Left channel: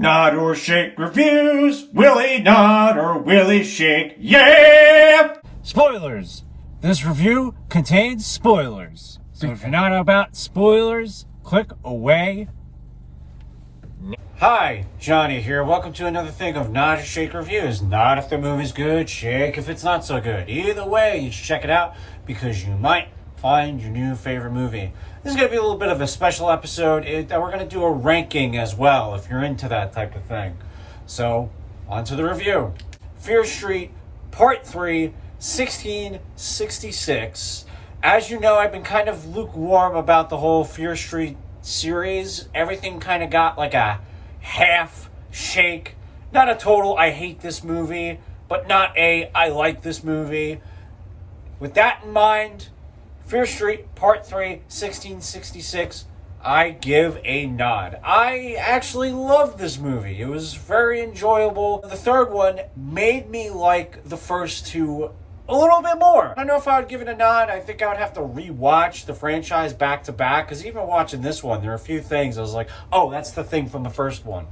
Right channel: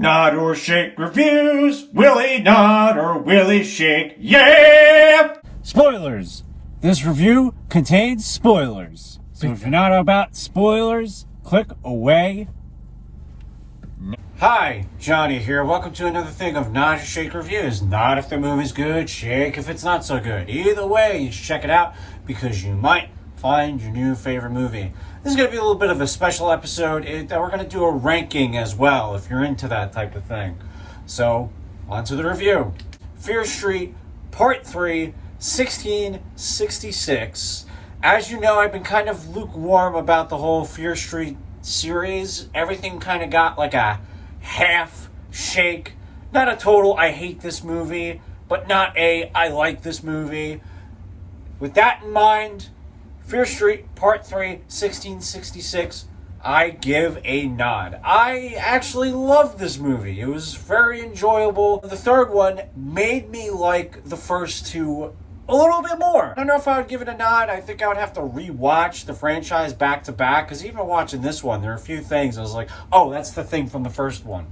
Nod or shake reviews. Willie nod or Willie shake. Yeah! Spoilers. This review contains spoilers. So if you're not about spoilers, click away. Hi, Johnny here. Welcome to another thing of Nod or Shake Reviews. Nod if the movie's good, shake if it's not so good. Either way, you should check it out because you might find your new favorite movie. This is going to be a little bit of a special episode that we're going to do a ranking as well if you're into that type of thing. So, on to the review. Fear Street, Part 3, 1666. As you know, I've been kind of lukewarm about the whole Fear Street series. Everything kind of got like a half shake. Not a total I hate this movie, but not a I like this movie. With that in mind, Fear Street Part 3, 1666, I give a nod. I actually loved this movie. It was very enjoyable. The third one made me like the first two a little bit more. I don't know if I would give it a nod. I think I would have to rewatch the franchise back to back, because even watching this one, there are a few things I was like, oh, that's the thing from the first one.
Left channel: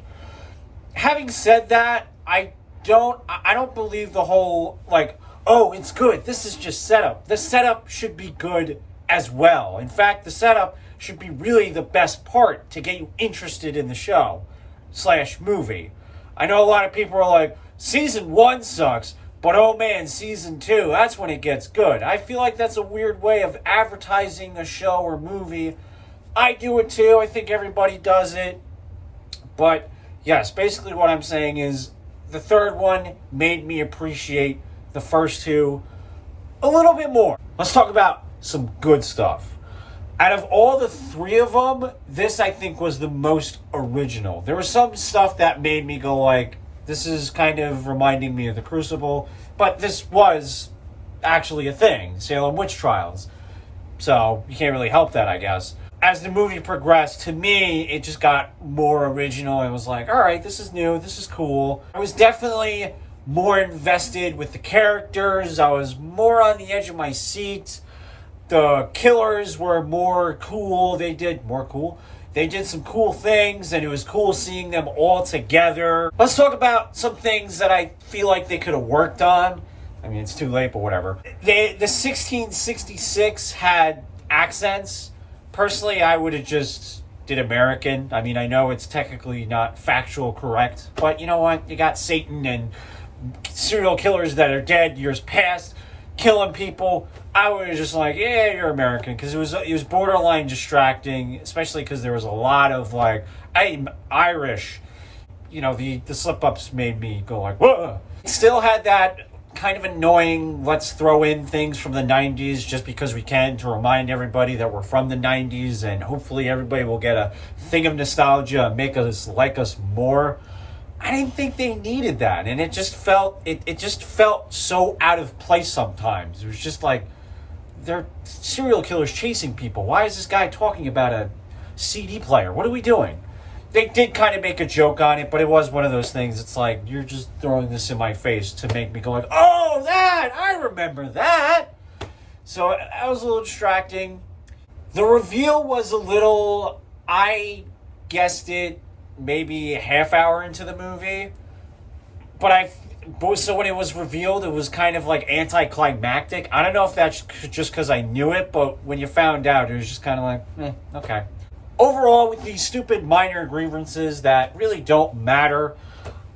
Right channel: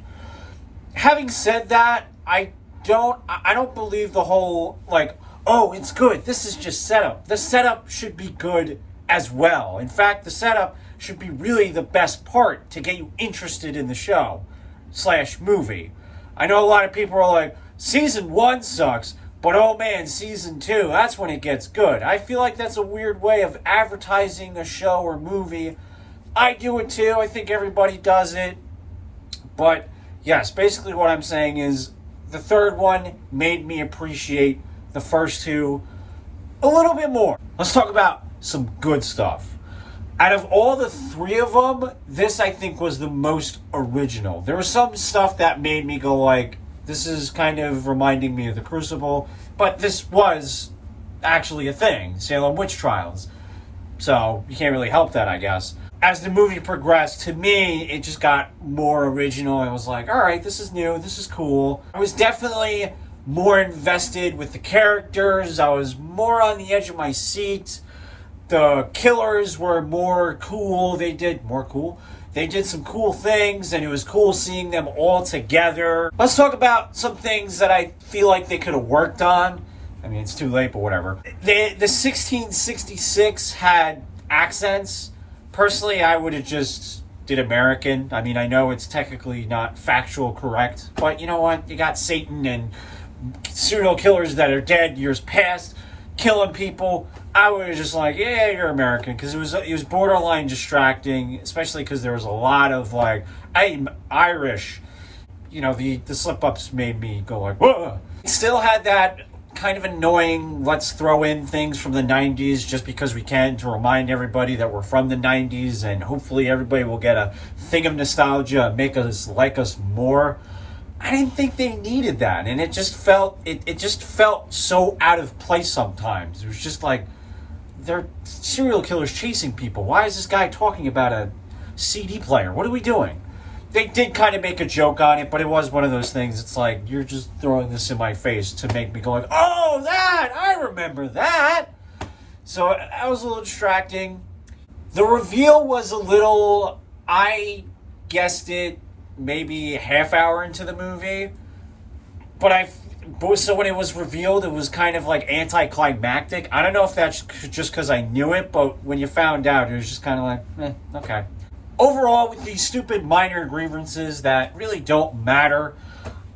Having said that, I don't believe the whole, like, oh, it's good. This is just setup. The setup should be good as well. In fact, the setup should be really the best part to get you interested in the show / movie. I know a lot of people are like, season 1 sucks, but oh man, season 2, that's when it gets good. I feel like that's a weird way of advertising a show or movie. I do it too. I think everybody does it. But yes, basically what I'm saying is the third one made me appreciate the first two a little bit more. Let's talk about some good stuff. Out of all the three of them, this I think was the most original. There was some stuff that made me go like, this is kind of reminding me of The Crucible, but this was actually a thing, Salem Witch Trials. So you can't really help that, I guess. As the movie progressed, to me, it just got more original. I was like, all right, this is new, this is cool. I was definitely more invested with the characters. I was more on the edge of my seat. The killers were more cool. They did some cool things, and it was cool seeing them all together. Let's talk about some things that I feel like they could have worked on. I mean, it's too late, but whatever. The 1666 had accents. Personally, I would have just did American. I mean, I know it's technically not factual correct, but you know what? You got Satan and serial killers that are dead years past killing people. I was just like, yeah, you're American, because it was borderline distracting, especially because there was a lot of like, I'm Irish. You know, the slip-ups made me go like, whoa. It still had that kind of annoying, let's throw in things from the 90s just because we can, to remind everybody that we're from the 90s, and hopefully everybody will get a thing of nostalgia and make us like us more. I didn't think they needed that, and it just felt so out of place sometimes. It was just like, they're serial killers chasing people. Why is this guy talking about a CD player? What are we doing? They did kind of make a joke on it, but it was one of those things. It's like, you're just throwing this in my face to make me go like, oh, that! I remember that! So that was a little distracting. The reveal was a little, I guessed it maybe a half hour into the movie, so when it was revealed, it was kind of like anticlimactic. I don't know if that's just because I knew it, but when you found out, it was just kind of like, okay. Overall, with these stupid minor grievances that really don't matter,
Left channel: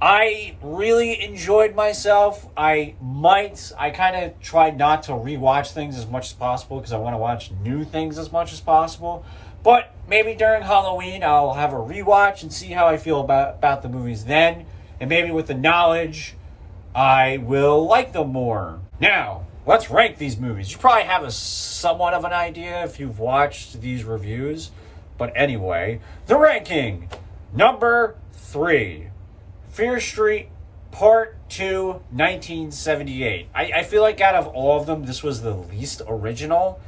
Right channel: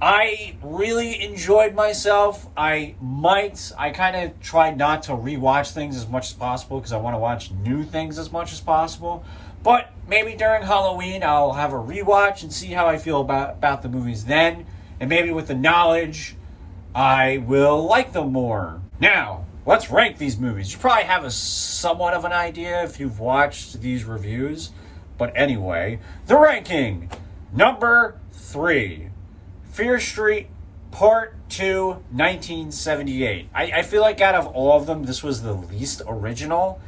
I really enjoyed myself. I kind of tried not to rewatch things as much as possible because I want to watch new things as much as possible. But maybe during Halloween, I'll have a rewatch and see how I feel about the movies then. And maybe with the knowledge, I will like them more. Now, let's rank these movies. You probably have a somewhat of an idea if you've watched these reviews. But anyway, the ranking. Number 3. Fear Street Part 2, 1978. I feel like out of all of them, this was the least original.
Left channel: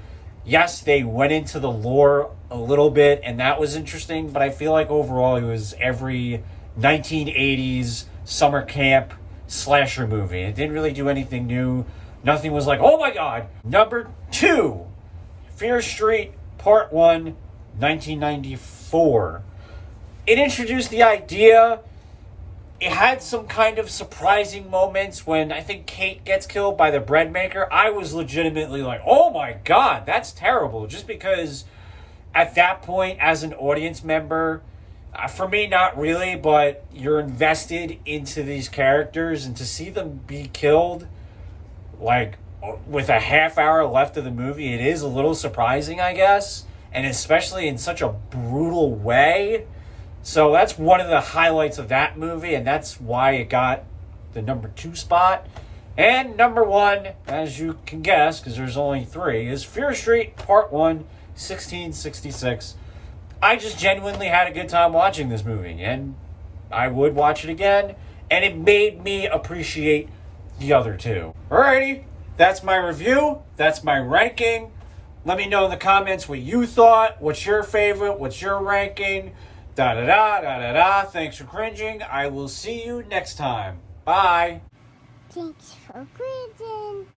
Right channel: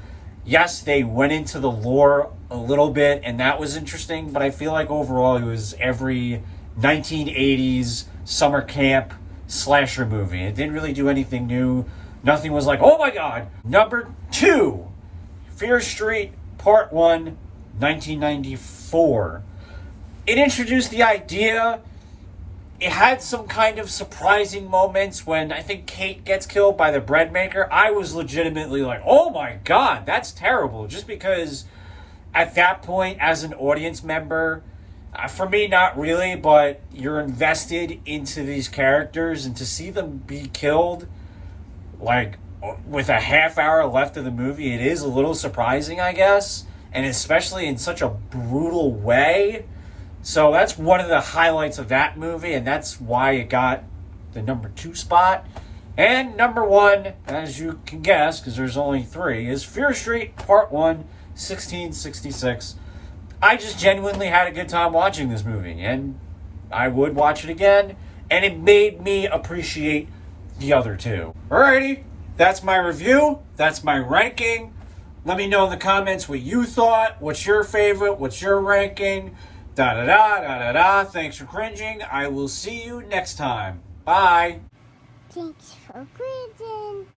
Yes, they went into the lore a little bit, and that was interesting, but I feel like overall it was every 1980s summer camp slasher movie. It didn't really do anything new. Nothing was like, oh my god. Number 2, Fear Street Part 1, 1994. It introduced the idea It had some kind of surprising moments when I think Kate gets killed by the bread maker. I was legitimately like, oh my God, that's terrible. Just because at that point, as an audience member, for me, not really, but you're invested into these characters, and to see them be killed, like, with a half hour left of the movie, it is a little surprising, I guess, and especially in such a brutal way. So that's one of the highlights of that movie, and that's why it got the number 2 spot. And number 1, as you can guess, because there's only 3, is Fear Street Part 1, 1666. I just genuinely had a good time watching this movie, and I would watch it again, and it made me appreciate the other 2. Alrighty, that's my review, that's my ranking. Let me know in the comments what you thought, what's your favorite, what's your ranking, da-da-da. Thanks for cringing. I will see you next time. Bye. Thanks for cringing.